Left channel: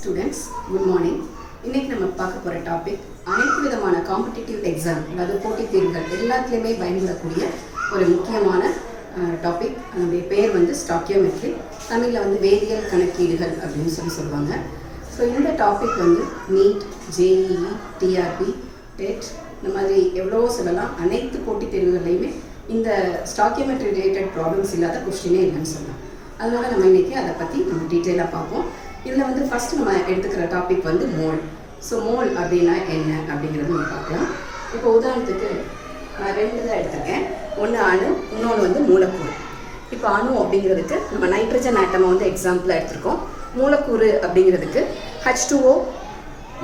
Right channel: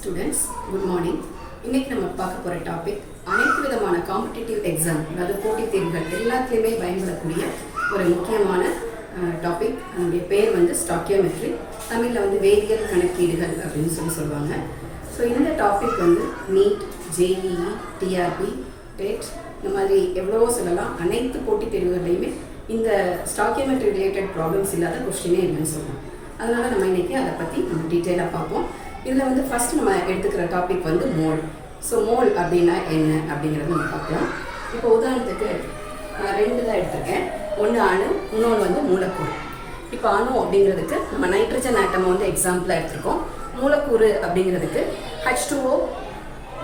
Students good morning. இன்றைக்கி நம்ம பார்க்க போகிற டாபிக் அனைத்து விதமான காம்படிட்டிவ் எக்ஸாம், அதாவது போட்டித் தேர்வுகள் எல்லாத்துலேயுமே பயன்படக்கூடிய ஒரு முக்கியமான டாபிக். அதனுடைய பேர் வந்து ஸ்டாக்கியோமெட்ரி, தமிழில் வந்து வேதியியல் கணக்கீடுகள் அப்படின்னு சொல்லுவாங்க. ஸோ இந்த டாபிக் வந்து நீட், ஜேஇஇ, டிஆர்பி, டெட் இந்த மாதிரி எவ்வளவோ சொல்லலாம். அனைத்து போட்டித் தேர்வுகள்லையுமே இந்த ஸ்டாக்கியோமெட்ரி ரிலேட்டட் ப்ராப்ளம்ஸ் இல்லாத கொஸ்டினே இல்லைன்னு சொல்லலாம். அதனால் நம்ம இன்றைக்கி அதை பற்றி நம்ம டீட்டெயிலாக பார்ப்போம். இதில் வந்து ஃபஸ்ட் நம்ம எடுத்துக்கிற டாபிக் வந்து மோல். ஸோ மோல் அப்படின்னா என்ன அப்படிங்கிறத நம்ம பார்க்கலாம். இப்போ உதாரணத்துக்கு நான் 2 தான் எடுத்திருக்கேன். ஒன்று அணு, இன்னொன்று வந்து மூலக்கூறு. இப்போ அணு அப்படிங்கிறதுக்கு நம்ம நைட்ரஜன் ஆட்டமை வந்து எக்ஸாம்பிளாக எடுத்திருக்கோம். மூலக்கூறு அப்படிங்கிறதுக்கு H2O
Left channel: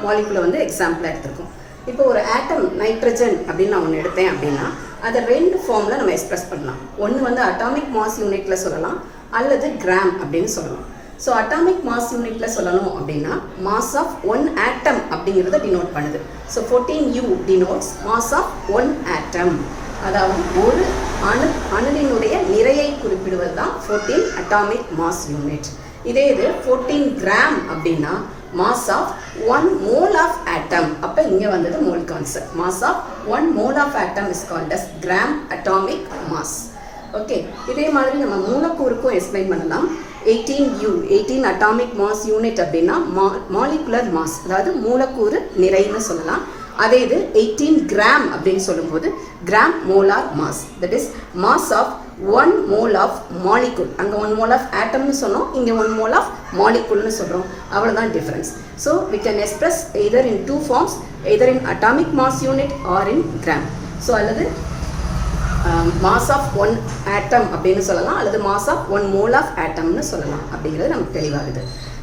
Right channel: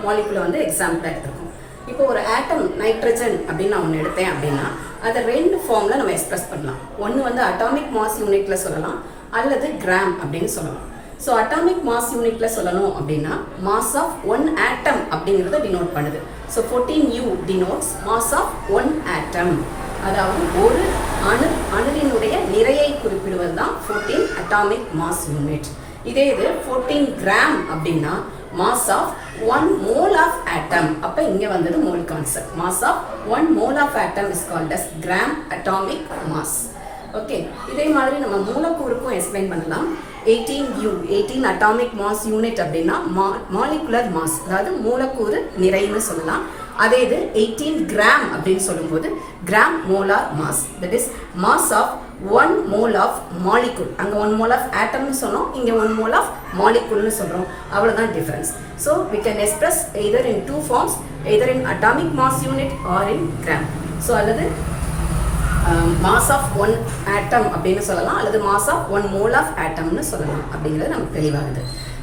மாலிகுலை வந்து எக்ஸாம்பிளாக எடுத்திருக்கோம். இப்போ ஒரு ஆட்டம் நைட்ரஜன் அப்படின்னு நான் ஒன்று எடுத்தேன் அப்படின்னா அதை 2 ஃபார்மில் நம்ம எக்ஸ்பிரஸ் பண்ணலாம். ஒன்று வந்து அட்டாமிக் மாஸ் யூனிட்டில் சொல்லலாம், அல்லது கிராம் அப்படின்னு சொல்லலாம். ஸோ அட்டாமிக் மாஸ் யூனிட்ல சொல்லணும் அப்படின்னா மாஸ் ஆஃப் 1 ஆட்டம் அப்படிங்கிறத டினோட் பண்ணுது. So 14U denotes mass of 1 atom, அதாவது ஒரு அணுவினுடைய நிறையை குறிப்பிடுவது தான் 14 அட்டாமிக் மாஸ் யூனிட். இதே இது 14 கிராம் அப்படின்னா mass of 1 mole of atom. அப்போ இங்கே வந்தது mole concept. Mass of 1 mole of atom is called as gram atomic mass. Okay, இதே மாதிரி நம்ம மூலக்கூறுக்கும் எக்ஸ்பிளைன் பண்ணலாம். 18U 18 அட்டாமிக் மாஸ் யூனிட் அப்படின்னா மாலிகுலர் மாஸ், அதாவது மூலக்கூறு நிறைன்னு சொல்லலாம். அதே இது 18 கிராம் அப்படின்னு சொல்லும்போது gram molar mass, that is mass of 1 mole of molecule. அங்கே 1 மோல் ஆஃப் ஆட்டம்னு சொன்னோம், இங்கே 1 மோல் ஆஃப் மாலிகுல்னு சொல்கிறோம். அவ்வளோதான் difference. So we can express either in 2 forms, either in atomic mass unit or in gram. So அல்லது mass of 1 ஆட்டம் அப்படின்னு சொல்லலாம், அல்லது mass of 1 mole of ஆட்டம்னு சொல்லலாம். அப்படிங்கிறது நமக்கு தெளிவாகுது.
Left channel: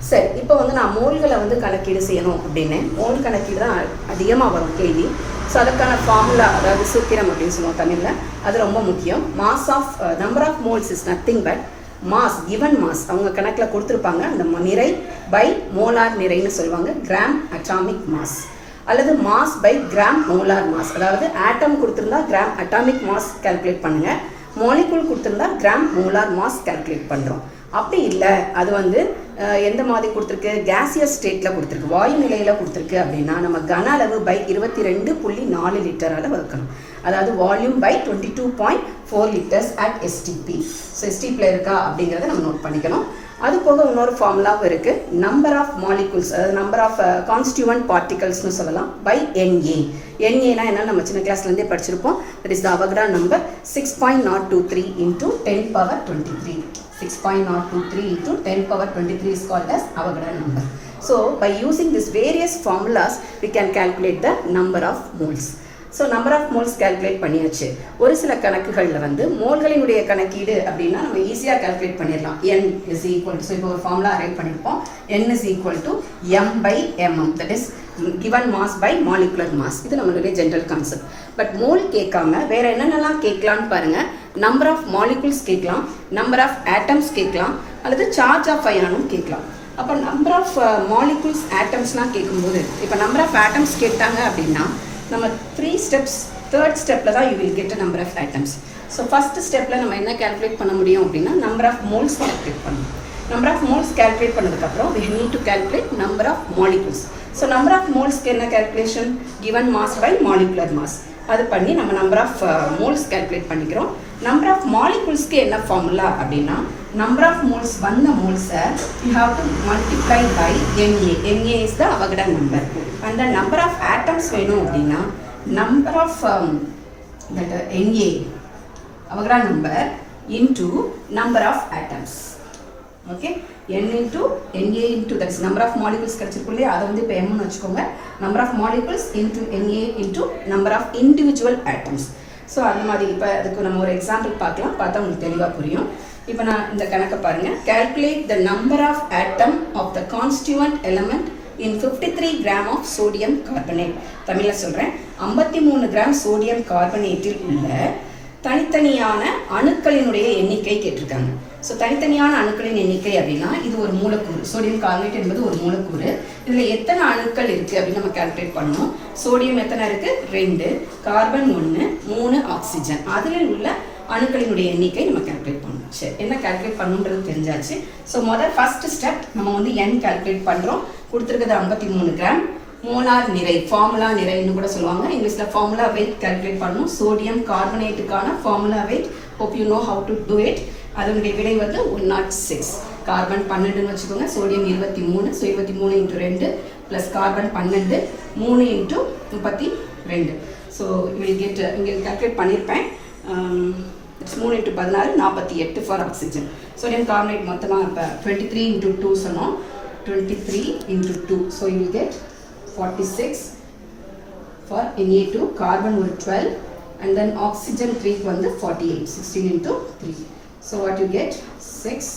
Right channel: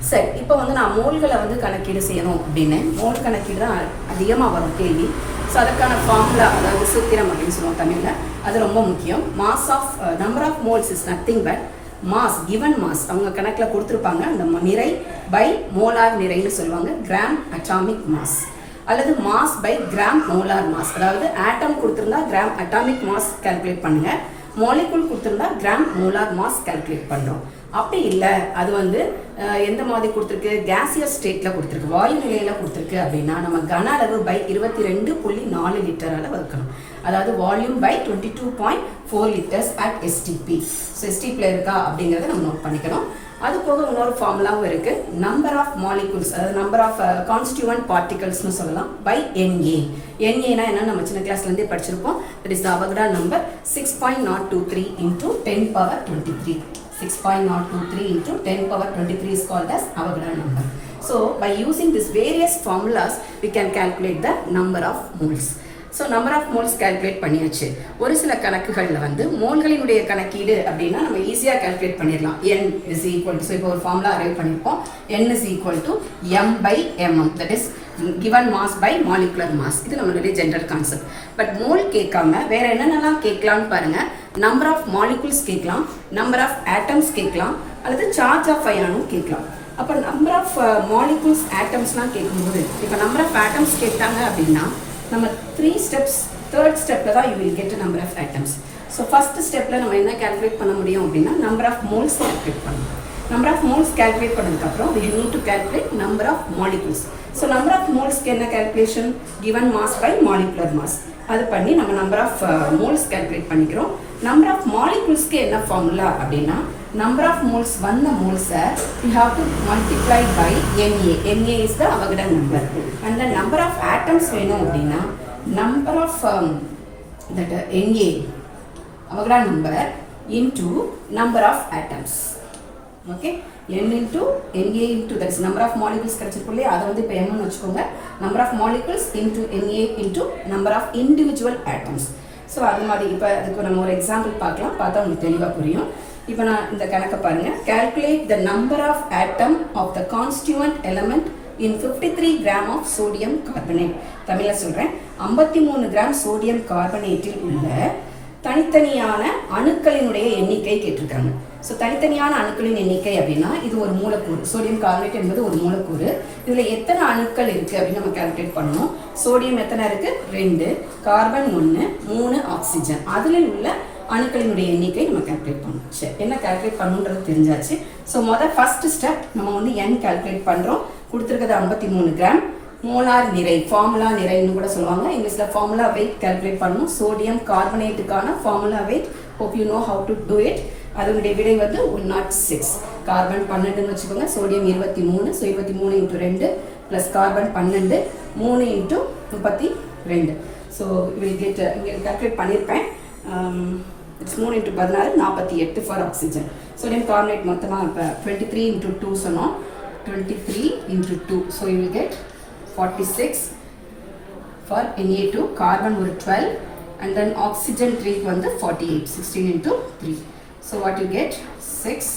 சரி, இப்போ வந்து நான் மோல்களை வந்து கணக்கீடு செய்யணும் அப்படின்னு, மோல் கணக்கீடு தான் அதிகமாக வரும் கேள்வி. ஸோ அதுக்கான ஃபார்முலா, அதாவது சூத்திரம் அப்படின்னு சொல்லுவோம் தமிழில், அது ரொம்ப முக்கியம். Mass of number of moles is nothing but mass, given mass அவங்க கணக்கில் கொடுத்துருப்பாங்க, அந்த நிறை பை மோலார் நிறைன்னு சொல்லுவாங்க, கிராம் அட்டாமிக் மாஸ், அல்லது mass by gram molar mass. அதாவது ஆட்டம் கொடுத்துருந்தா கிராம் அட்டாமிக் மாஸ் கால்குலேட் பண்ணுங்க, மாலிகுல் கொடுத்துருந்தா கிராம் மோலார் மாஸ் கால்குலேட் பண்ணுறோம். அப்படி இல்லை, அது வந்து எந்த மாதிரி கொடுத்துருக்கு, கேசியஸ் ஸ்டேட்டில் கொடுத்துருக்கு, வாயு நிலையில் கொடுத்துருக்கு அப்படின்னா நம்ம கன அளவு பை 22.4 லிட்டரால் வகுக்கணும். அதாவது volume by 22.4 litres at STP. So எஸ்டிபியில் இருக்கா அப்படிங்கிறத நம்ம நோட் பண்ணிக்கணும். அது போக இன்னொரு ஃபார்முலாவும் இருக்குது, நம்பர் ஆஃப் மாலிகுல்ஸ், அதாவது நம்பர் ஆஃப் கான்ஸ்டியூவன்ட் பார்ட்டிகல்ஸ்னு சொல்லலாம், பை NA. NAனா என்ன நம்ம சின்ன கிளாஸ்லேருந்தே படிச்சிருப்போம். That is the Avogadro number 6.023 into 10 power 23. 6.023 into 10 power 23 is called as Avogadro number. So by using these various formulas we can calculate the number of moles. So number of moles calculate பண்ணியாச்சு. ஒரு சில கணக்குகளில் வந்து மோல்களினுடைய கணக்கீடு அப்படின்னா நம்ம ஈஸியாக calculate பண்ணிடலாம். N is equal to, so இப்போ ஒரு ஃபார்முலா அரைவ் பண்ணியிருப்போம், N is equal to M by mm, that is given mass by molecular mass. இது நம்மளுடைய ஜென்ரல் கான்செப்ட். பட் மோல் கேட்காம வேற என்னென்னலாம் கேட்கலான்னு பாருங்க. நம்பர் ஆஃப் மாலிகுல்ஸ் கேட்கலாம், நம்பர் ஆஃப் ஆட்டம்ஸ் கேட்கலாம், அல்லது சார்ஜ் ஆஃப் அயானும் கேட்கலாம். அப்போ நம்பர் ஆஃப் மாலிகுல்ஸ் ஆட்டம்ஸ்லாம் கேட்கும்போது, இப்போ நம்பர் ஆஃப் ஆட்டம்ஸ் கேட்டாங்க அப்படின்னா நம்ம 3 ஸ்டெப்ஸ், 3rd ஸ்டெப்பில் தான் you will get number of atoms. So first ஸ்டெப்பில் நம்ம என்ன கால்குலேட் பண்ண முடியும் அப்படின்னா நம்பர் ஆஃப் மோல்ஸ் கால்குலேட் பண்ணணும். நம்பர் ஆஃப் மோல்ஸ் கால்குலேட் பண்ணதுக்கப்புறம் we need to calculate number of molecules. So number of மோல்ஸ்க்கு என்ன calculation, given mass by molecular mass. அது பண்ணி நம்ம நம்பர் ஆஃப் மோல்ஸ் கால்குலேட் பண்ணிக்கிறோம். நம்பர் ஆஃப் மாலிகுல்ஸ்க்கு என்ன ஃபார்முலா அப்படின்னா நம்பர் ஆஃப் மோல்ஸ் வந்த மோல்ஸை you have to multiply by NA. NA is the Avogadro number. And the number of atoms வேணும் அப்படின்னா number of that NA Avogadro number into number of atoms. Okay, N into NA into, that is number of molecules கிடைச்சிருக்கும் இல்லையா, அதை வந்து இப்போ Mன்னு வச்சுக்கோங்க. number of molecules into NA into number of individual atoms. So அந்த மாதிரி இப்போ அதுக்கு நம்ம ஒரு எக்ஸாம்பிள் பார்க்கலாம், பார்த்தா உங்களுக்கு தெளிவாக புரியும். இப்போ நான் இந்த கணக்கை பாருங்கள். calculate the number of atom of the constituent element in 53 gram of sodium carbonate. தமிழில் சொல்கிறேன், 53 கிராம் சோடியம் கார்பனேட்டில் உள்ள தனித்தனியான அணுக்களினுடைய எண்ணிக்கை கேட்டிருக்காங்க. ஸோ தனித்தனியான அணுக்களின் எண்ணிக்கை அப்படின்னா இது ஒரு மூலக்கூறு, சோடியம் கார்பனேட் என்பது ஒரு மூலக்கூறு. இதில் எத்தனை அணுக்கள் இருக்குது அப்படின்னு நம்ம கால்குலேட் பண்ணணும். சோடியம் எத்தனை இருக்குது, 2, கார்பன் 1, 3 ஆக்சிஜன். அதில் உள்ள அணுக்களினுடைய எண்ணிக்கை நம்ம கால்குலேட் பண்ணணும். சரி, என்ன கால்குலேட் பண்ணணுன்றது தெரிஞ்சாச்சு. ஸோ ஃபர்ஸ்ட் ஸ்டெப் நம்ம வந்து n கால்குலேட் பண்ணுறோம். கொடுத்துருக்கிறது 53 கிராம். மோலார் நிறை, ஃபார்முலா நிறைன்னு கூட சொல்லுவாங்க. இங்கிலீஷில் ஃபார்முலா வெயிட் கால்குலேட் பண்ணணும். சோடியம் கார்பனேட்டுக்கான formula weight, hope you know how to do it. அதனுடைய விடை வந்து 106. கார்பன் 12ன்னு வச்சுக்கோங்க, sodium 23. So 23 × 2 plus carbon 12, 3 × 32. So we'll get, இங்கே கால்குலேட் பண்ணியிருப்பேன். It's 3 × 16, 48 for oxygen. Sodium carbonate மொத்தமாக இப்போ 23 × 2 சொன்னோம். 23 × 2. So you will get 46 for Na2, carbon ஒரு 12, and then oxygen 3 க்கு வந்து 48, 16 × 3. So what you get? 6.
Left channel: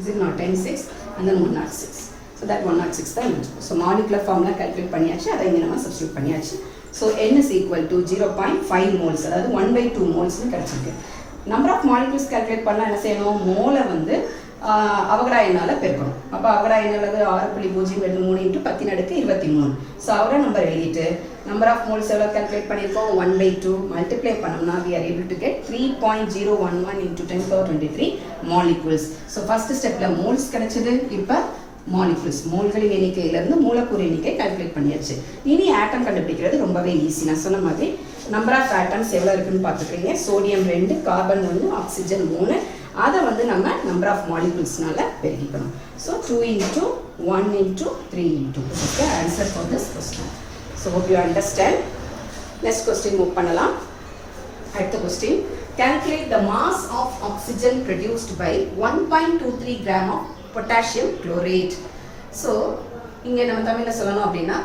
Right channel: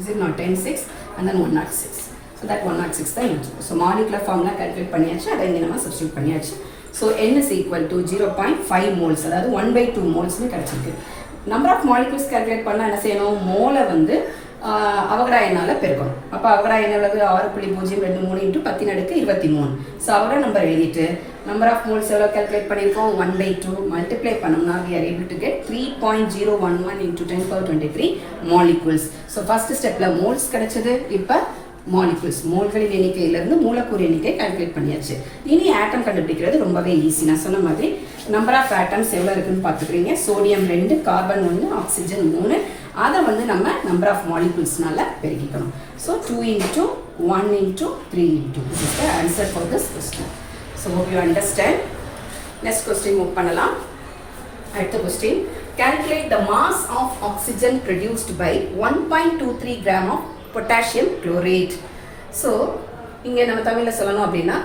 Is it not 10, 6 and then 106. So that 106 தான் இருக்கு. So molecular formula calculate பண்ணியாச்சு, அதை இங்கே நம்ம substitute பண்ணியாச்சு. So N is equal to 0.5 moles, அதாவது 1/2 மோல்ஸ்னு கிடச்சிருக்கு. நம்பர் ஆஃப் மாலிகுல்ஸ் கால்குலேட் பண்ணால் என்ன செய்யணும்? மோலை வந்து அவகடா எண்ணால் பெருக்கணும். அப்போ அவகடா எண் எவ்வளவு? 6.023 × 10⁻23. ஸோ அவகடா நம்பர் எழுதிட்டு நம்பர் ஆஃப் மோல்ஸ் எவ்வளோ கால்குலேட் பண்ணியிருக்கோம்? 1/2 மல்டிப்ளை பண்ணோம்னா we are able to get 3.011 × 10⁻23 molecules. So first ஸ்டெப்பில் மோல்ஸ் கிடைச்சது. இப்போ மாலிகுல்ஸ், மோல்களின் எண்ணிக்கையிலிருந்து மூலக்கூறு எண்ணிக்கை கால்குலேட் பண்ணியாச்சு. இனி ஆட்டம் கண்டுபிடிக்கிறது ரொம்பவே ஈஸி. நான் சொன்ன மாதிரி நம்பர் ஆஃப் ஆட்டம்ஸ் எவ்வளோ இருக்குன்னு பார்த்துக்கிறீங்க. Sodium 2, carbon 1, oxygen 3. அதை வந்து நம்ம number of மாலிகுல்ஸ்னால பெருக்கிக்கணும். So 2 × 1 × 3 × this is the answer for this question. So hope you understand. Next question move பண்ணலாம். அடுத்த question, calculate the mass of oxygen produced by 1.23 gram of potassium chlorate. So இங்கே நம்ம தமிழில் சொல்லணும் அப்படின்னா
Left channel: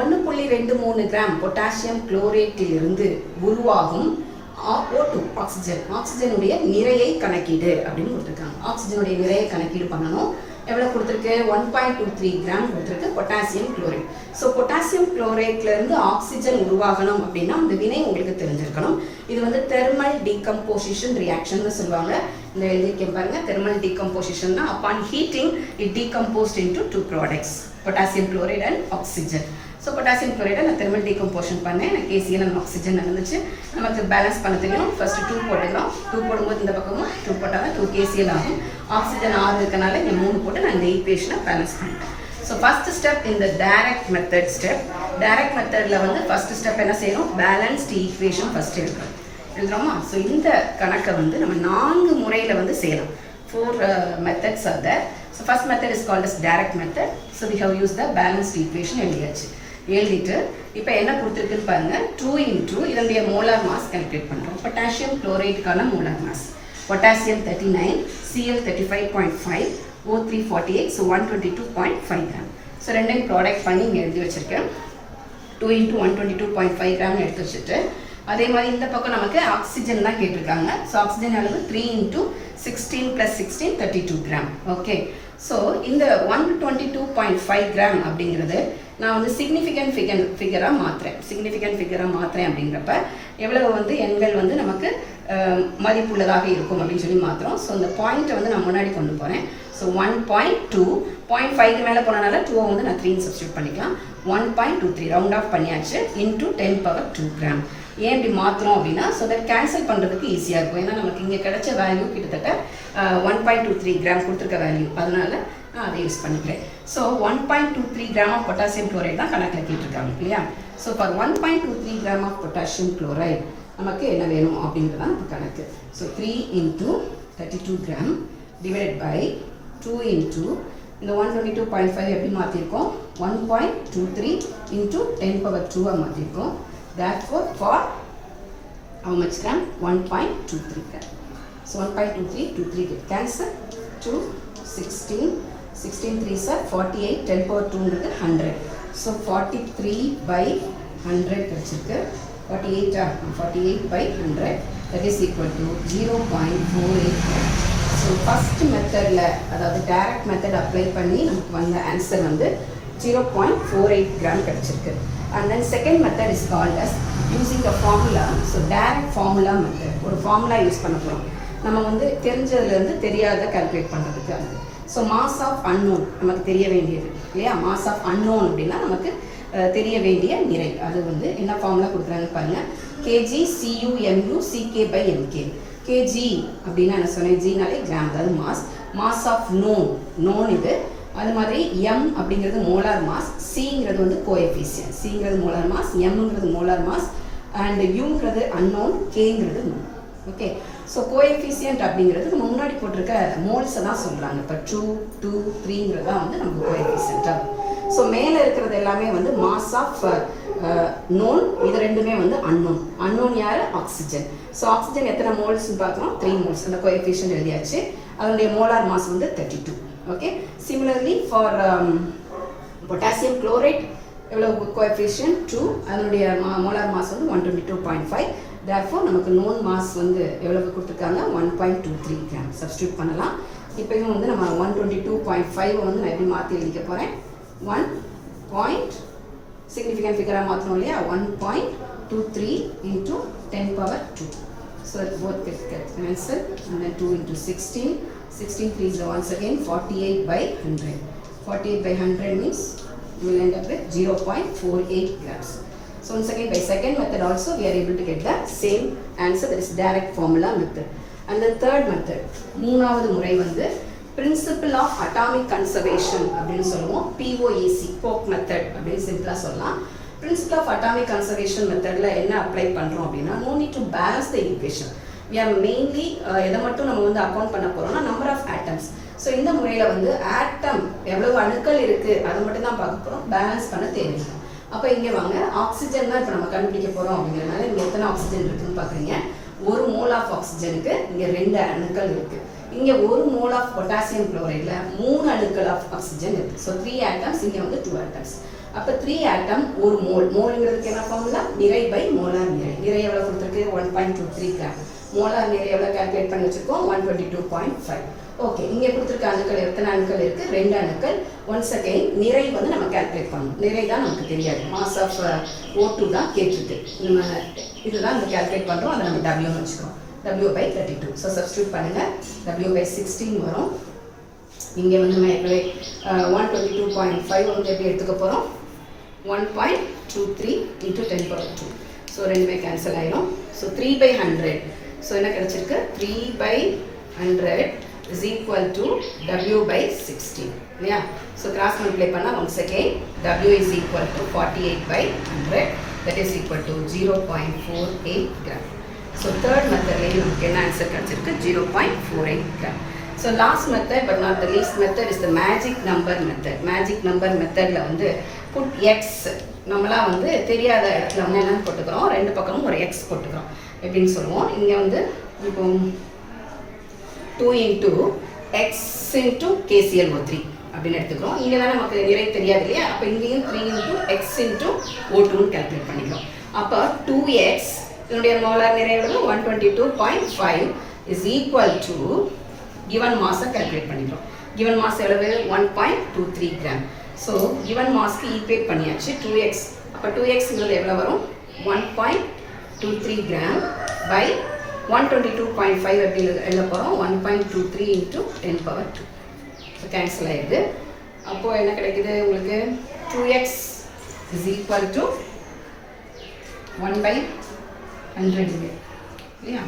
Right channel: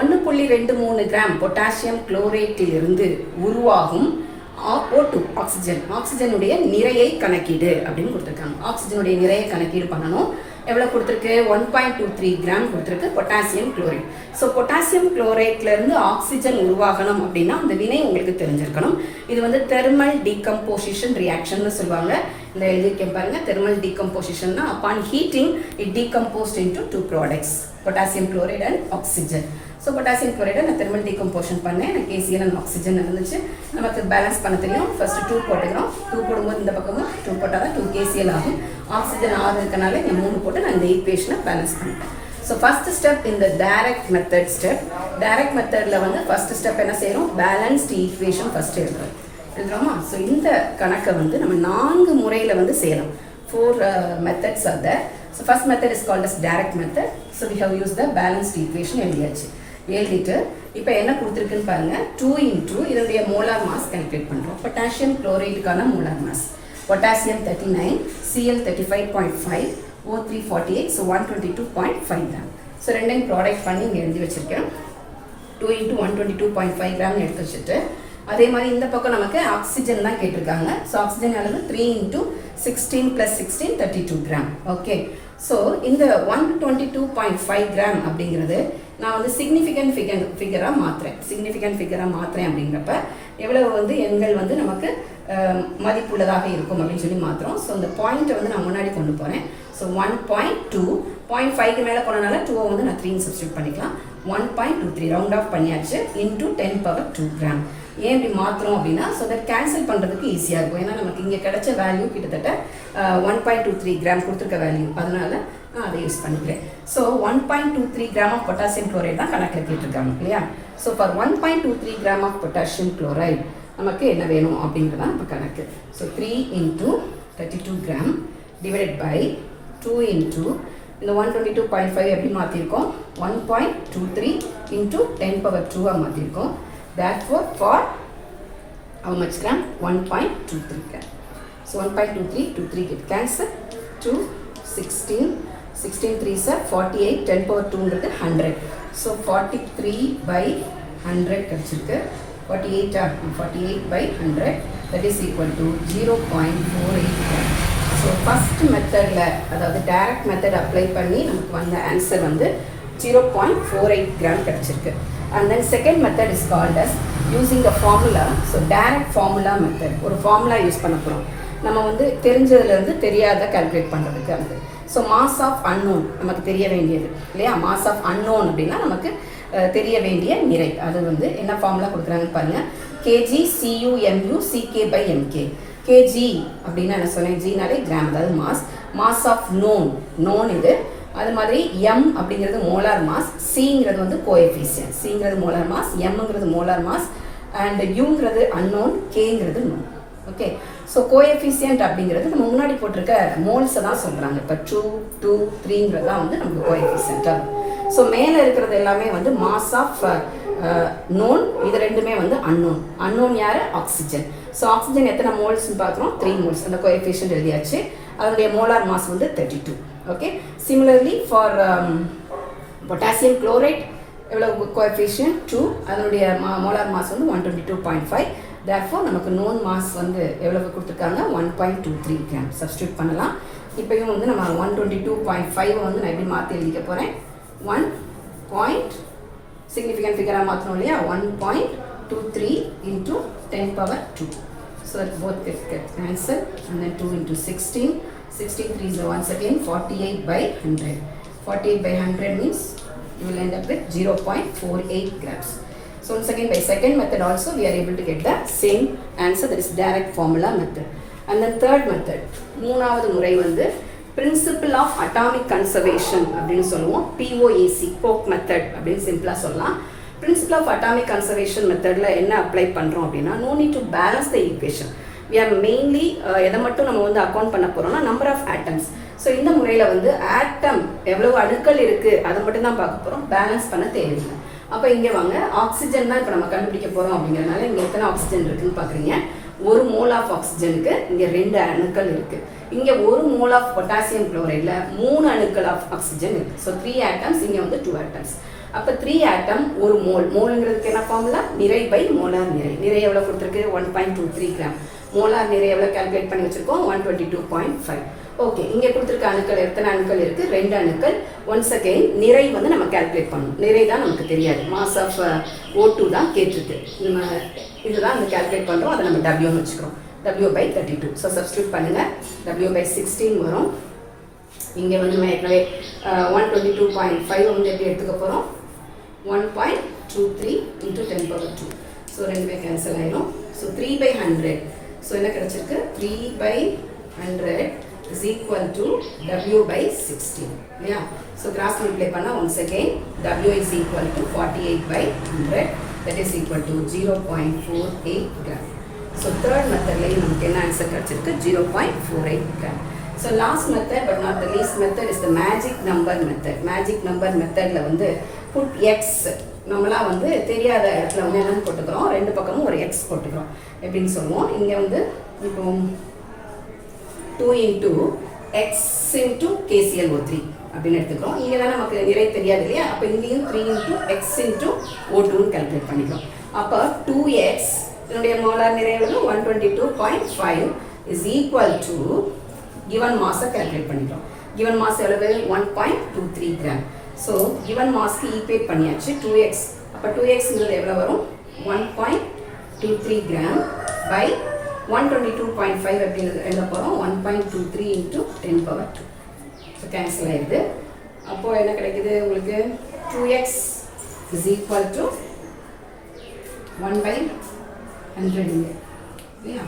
1.23 கிராம் பொட்டாசியம் குளோரேட்டிலிருந்து உருவாகும் O2 ஆக்சிஜனுடைய நிறையை கணக்கீடு அப்படின்னு கொடுத்துருக்காங்க. ஆக்சிஜனுடைய நிறையை கணக்கீடு பண்ணணும். எவ்வளோ கொடுத்துருக்கு? 1.23 கிராம் கொடுத்துருக்கு பொட்டாசியம் குளோரைட். ஸோ பொட்டாசியம் குளோரைட்லேருந்து ஆக்சிஜன் உருவாகணும் அப்படின்னா அந்த வினை உங்களுக்கு தெரிஞ்சிருக்கணும். இது வந்து தெர்மல் டீகம்போசிஷன் ரியாக்ஷன் சொல்லுவாங்க. இந்த எழுதிக்க பாருங்க, தெர்மல் டீகம்போசிஷன் தான். Upon heating it decomposed into 2 products, potassium chloride and oxygen. So potassium குளோரைடை நான் தெர்மல் டீகம்போஷன் பண்ணேன். எனக்கு KCl அண்ட் ஆக்சிஜன் நடந்துச்சு. நமக்கு பேலன்ஸ் பண்ண தெரியும். ஃபர்ஸ்ட் 2 போட்டுக்கிறோம். 2 போடும்போது இந்த பக்கமும் 2 போட்டால் தான் 2 KCl ஆகும். ஆக்சிஜன் 6 இருக்கனால இந்த 3 போட்டு நான் இந்த ஈக்குவேஷனை பேலன்ஸ் பண்ணிட்டேன். ஸோ ஃபர்ஸ்ட் ஸ்டெப் இந்த டைரக்ட் மெத்தட் ஸ்டெப். டைரக்ட் மெத்தடில் வந்து ஃபர்ஸ்ட் ஸ்டெப் என்ன செய்யணும்? பேலன்ஸ்டு ஈக்குவேஷன் ஃபர்ஸ்ட் எழுதுறோமா? ஸோ இந்த கணக்கை வந்து நம்ம 4 முறையில் வந்து செய்யலாம். 4 methods are there. So first method is called as direct method. So we have used the balanced equation எழுதியாச்சு. எழுதிட்டு இப்போ என்ன கொடுத்துருக்குன்னு பாருங்க. 2 × இதனுடைய மோலார் மாஸ் கால்குலேட் பண்ணுறோம். பொட்டாசியம் குளோரைடுக்கான molar mass potassium 39, Cl 35.5, O3 48, so 122.5 gram. So ரெண்டையும் ப்ராடக்ட் பண்ணி இங்கே எழுதி வச்சுருக்கேன். 2 × 122.5 கிராம்னு எடுத்து வச்சுட்டு அதே மாதிரி இந்த பக்கம் நமக்கு ஆக்சிஜன் தான் கேட்டிருக்காங்க. ஸோ ஆக்சிஜன் அளவு 3 × 16 + 16 32 கிராம். ஓகே. ஸோ இந்த 122.5 கிராம் அப்படிங்கிறது நான் வந்து சிக்னிஃபிகண்ட் ஃபிகராக மாற்றுறேன் அப்படிங்கிறப்ப எவ்வளவு வந்து எண்கள் வந்து நமக்கு மதிப்புள்ளதாக இருக்கும் அப்படின்னு சொல்லி மாற்றுறோம். ஸோ இந்த பாயிண்ட்டை வந்து நான் முன்னாடி கொண்டு போகிறேன். ஸோ 1.2, 0.5க்கு மேலே போனனால 2 வந்து நான் 3 சப்ஸ்டியூட் பண்ணிக்கலாம். 1.23 ரவுண்ட் ஆஃப் பண்ணியாச்சு இன்டூ 10⁻2 கிராம். ஏன் இப்படி மாற்றுறோம் அப்படின்னா ஸோ தட் கேன்சல் பண்ணுறதுக்கு ஈஸியாக இருக்கும். ஏன்னா நமக்கு இங்கே கிடைச்ச வேல்யூ கிட்டத்தட்ட 1.23 கிராம் கொடுத்துருக்க வேல்யூ, அதனால நான் அதை யூஸ் பண்ணிக்கிறேன். So 1.23 gram of potassium chloride தான் கணக்கில் கேட்டிருக்காங்க இல்லையா? So for 1.23 gram of potassium chloride நமக்கு என்ன வேணும் அப்படின்றது தான் இப்போ கணக்கு. ஸோ 3 × 32 கிராம் டிவைடட் பை 2 × இந்த 122.5 எப்படி மாற்றிருக்கோம்? 1.23 × 10⁻2 மாற்றிருக்கோம். Therefore, for how much gram? 1.23 gram. So 1.23 get cancel. 2, 16, 16 3s are 48, 10⁻2 100. So 43/100 கிடைச்சிருக்கு. 48/100 that is equal to 0.48 gram. So first methodல அதாவது direct method apply பண்ணி நமக்கு வந்த ஆன்சர் வந்து 0.48 gram கிடைச்சிருக்கு. And then second method is called as using the formula. So direct formula method. ஒரு formula use பண்ண போகிறோம். நம்ம வந்து தெரிஞ்சதுலேருந்து தெரியாத கால்குலேட் பண்ணுறதுக்கு அது. ஸோ மாஸ் ஆஃப் அன்னோன் நமக்கு தெரிய வேண்டியது இல்லையா? மாஸ் ஆஃப் அன்னோன் அப்படின்னா நமக்கு தெரிய வேண்டிய நிறை. அது வந்து என்ன ஃபார்முலா கொடுக்குறாங்கன்னு பாருங்கள். kg cu/mu ck/mk. kg அப்படின்னா என்ன சொன்னேன்? ஜினாலே கிராம், அதாவது மாஸ். மாஸ் ஆஃப் நோன் இது. அது மாதிரி m அப்படிங்கிறது மோலார் மாஸ், cங்கிறது வந்து கோஎஃபிஷியன்ட். cங்கிறது மோலார் மாஸ், mங்கிறது மோலார் மாஸ் அண்ட் uங்கிறது அன்னோன், kங்கிறது நோன். ஓகே, ஸோ கோஎஃபிஷியன்ட் அப்படிங்கிறது நம்ம முன்னாடி போட்டிருக்க மோல்ஸை தான் சொல்கிறாங்க. இப்போ 2, 2, 3ங்கிறது தான் வந்து நமக்கு கோஎஃபிஷியன்ட்டாக. ஸோ மேலே இருக்கிறது எல்லாமே வந்து மாஸ் ஆஃப் நோன், இது ரெண்டுமே வந்து அன்னோன். அன்னோன் யார்? ஆக்சிஜன். ஸோ ஆக்சிஜன் எத்தனை மோல்ஸ்ன்னு பார்க்குறோம்? 3 மோல்ஸ். அந்த கோஎஃபிஷியன்ட் எழுதியாச்சு. அதனுடைய மோலார் மாஸ் வந்து 32. Okay, similarly for potassium chloride எவ்வளோ கோஎஃபிஷியன்ட்? 2. அதனுடைய மோலார் மாஸ் வந்து 122.5. therefore நமக்கு நோன் மாஸ் வந்து எவ்வளவு கொடுத்துருக்காங்க? 1.23 கிராம். சப்ஸ்டியூட் பண்ணலாம். இப்போயும் வந்து நம்ம 122.5 வந்து நான் எப்படி மாற்றி எழுதிக்க போகிறேன்? 1. சிக்னிஃபிகண்ட் ஃபிகராக மாற்றணும் இல்லையா? 1.23 into 10 power 2. So both get cancelled and then 2 into 16. 16 3 is once again 48 by 100. 48 by 100 means you will end up with 0.48 grams. So once again by second method also we are able to get the same answer, that is direct formula method. And then third method, மூணாவது முறை வந்து principle of atomic conservation அப்படின்னு சொல்லுவோம். POAC, போக் method அப்படின்னு சிம்பிளாக சொல்லலாம். principle of atomic conservation மெத்தடில் என்ன அப்ளை பண்ணுறோம் அப்படின்னா, no need to balance the equation. we are mainly எதை மட்டும் நம்ம வந்து அக்கௌண்ட் பண்ண போகிறோம்னா நம்பர் ஆஃப் ஆட்டம்ஸ். ஸோ இந்த முறையில் வந்து ஆட்டம் எவ்வளவு அணுக்கள் இருக்குது அதை மட்டும் தான் பார்க்க போகிறோம், பேலன்ஸ் பண்ண தேவையில்லை. அப்போ இங்கே வாங்க, ஆக்சிஜன் தான் இப்போ நம்ம கண்டுபிடிக்க போகிறோம் அப்படிங்கிறதுனால இங்கே எத்தனை ஆக்சிஜன் இருக்குன்னு பார்க்குறீங்க. 1 மோல் ஆஃப் ஆக்சிஜனுக்கு இங்கே 2 அணுக்கள் இருக்குது. இங்கே 1 மோல் ஆஃப் பொட்டாசியம் குளோரைடில் 3 அணுக்கள் ஆஃப் ஆக்சிஜன் இருக்குது. ஸோ 3 ஆட்டம்ஸ், இங்கே வந்து 2 ஆட்டம்ஸ். அப்போ 3 ஆட்டம் 1 மோல். மோலுங்கிறதுக்கு என்ன ஃபார்முலா? நிறை பை மோலார் நிறை. நிறை எவ்வளோ கொடுத்துருக்கு? 1.23 கிராம். மோலார் நிறை எவ்வளோ கால்குலேட் பண்ணி வச்சுருக்கோம்? 122.5. ஓகே, இங்கே கொடுத்துருக்க அணுக்கள் எத்தனை அணுக்கள் இருக்குது? 2 அணுக்கள். ஒன்ஸ் அகெயின் நிறை வந்து நம்ம கால்குலேட் பண்ணணும். நிறை தான் நமக்கு தெரியாது, மாஸ் ஆஃப் O2 தான் கேட்டிருக்கு. நம்ம இதுதான் நம்ம கால்குலேட் பண்ணுறோம், அதை நம்ம W வச்சுக்கிறோம். W by 32. ஸோ சப்ஸ்டியூட் பண்ணுங்கள். W by 16 வரும். இங்கே வந்து நம்ம ஏற்கனவே 122.5 வந்து எப்படி எடுத்துக்க போகிறோம்? 1.23 into 10 power 2. ஸோ ரெண்டுமே கேன்சல் ஆயிரும். So 3 by 100. ஸோ என்ன கிடச்சிருக்கு? 3 by 100 is equal to W by 16. இல்லையா? ஸோ கிராஸ் மல்டிப்ளை பண்ணால் once again W is equal to 48 by 100. that is equal to 0.48 gram. So third மெத்தட்லேயே நமக்கு என்ன ஆன்சர் கிடச்சிருக்கு? 0.48 gram. So last method but not the least method is the magic number method. Magic number மெத்தடில் வந்து put X, நம்மளாம் வந்து தெரியாத இடத்துல வந்து என்னென்னு போட்டுக்கிறோம்? 2 பக்கமும் ஒரு எக்ஸ் போட்டுக்கிறோம். எப்படின்னு சொல்லுவோம்? இங்கே வந்து இப்போ 2 into x into KClO3 அப்படின்னு எடுத்துக்கிறோம். இங்கே தான் நமக்கு நிறை தெரியாது இல்லையா? அப்போ இங்கேயும் 3 into x into O2 calculate பண்ணிக்கிறோம். அப்போ 2x இதனுடைய மோலார் நிறை எவ்வளவு? 122.5 is equal to given மாஸை கால்குலேட் பண்ணிக்கிறோம். given மாஸ் எவ்வளவு? 1.23 கிராம். ஸோ given மாஸ்க்கு ஈக்குவேட் பண்ணியாச்சு 2x. அப்போ 2xங்கிறது எவ்வளோ வரும்? 1.23 கிராம் பை 122.5 எப்படி எழுத போகிறோம்? 1.23 into 10 power 2. ஸோ கேன்சல் ஆகிடுது. அப்போது என்ன கிடைக்குது உங்களுக்கு? 2x is equal to 1 by 100 இல்லையா?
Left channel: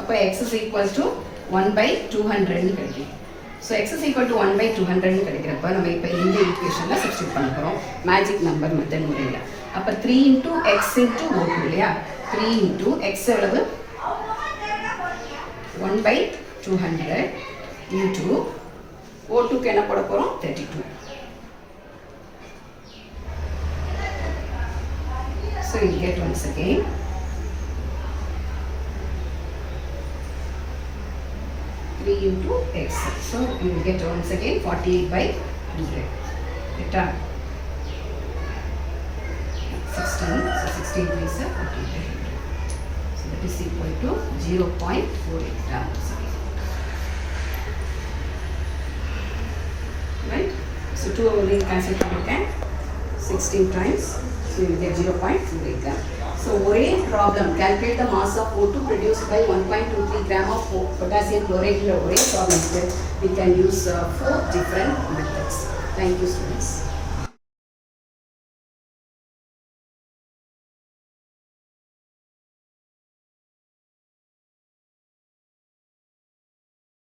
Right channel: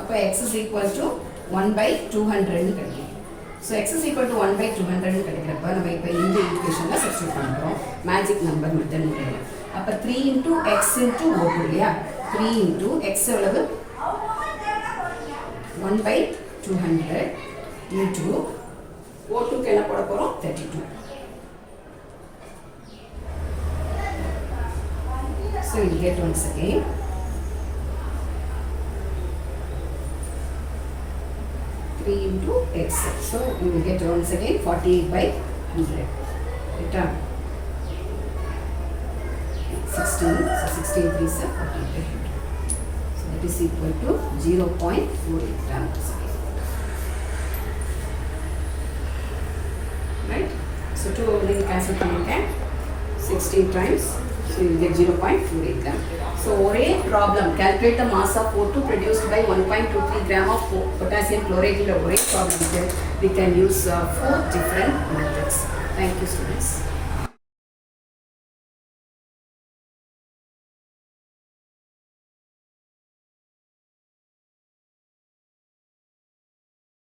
அப்போ x is equal to 1 by 200 கிடைக்கும். So x is equal to 1 by 200 கிடைக்கிறப்ப நம்ம இப்போ இந்த ஈக்குவேஷனில் சப்ஸ்டியூட் பண்ண போகிறோம் மேஜிக் நம்பர் மெத்தட் முறையில். அப்போ 3 into x into O2 இல்லையா? 3 into x எவ்வளவு? 1 by 200 into O2க்கு என்ன போட போகிறோம்? 32. So you get once again 3 into x. So you will get once again 48 by 100. Return 16. So 16 3 is 48 by 100. So that is equal to 0.48 grams. Right? So 2 over 9 cancel பண்ணிருக்கேன் 16 times. So you get 0.48 gram. So ஒரே problem, calculate the mass of O2 produced by 1.23 gram of potassium chloride. ஒரே problem we can use 4 different methods. Thank you students.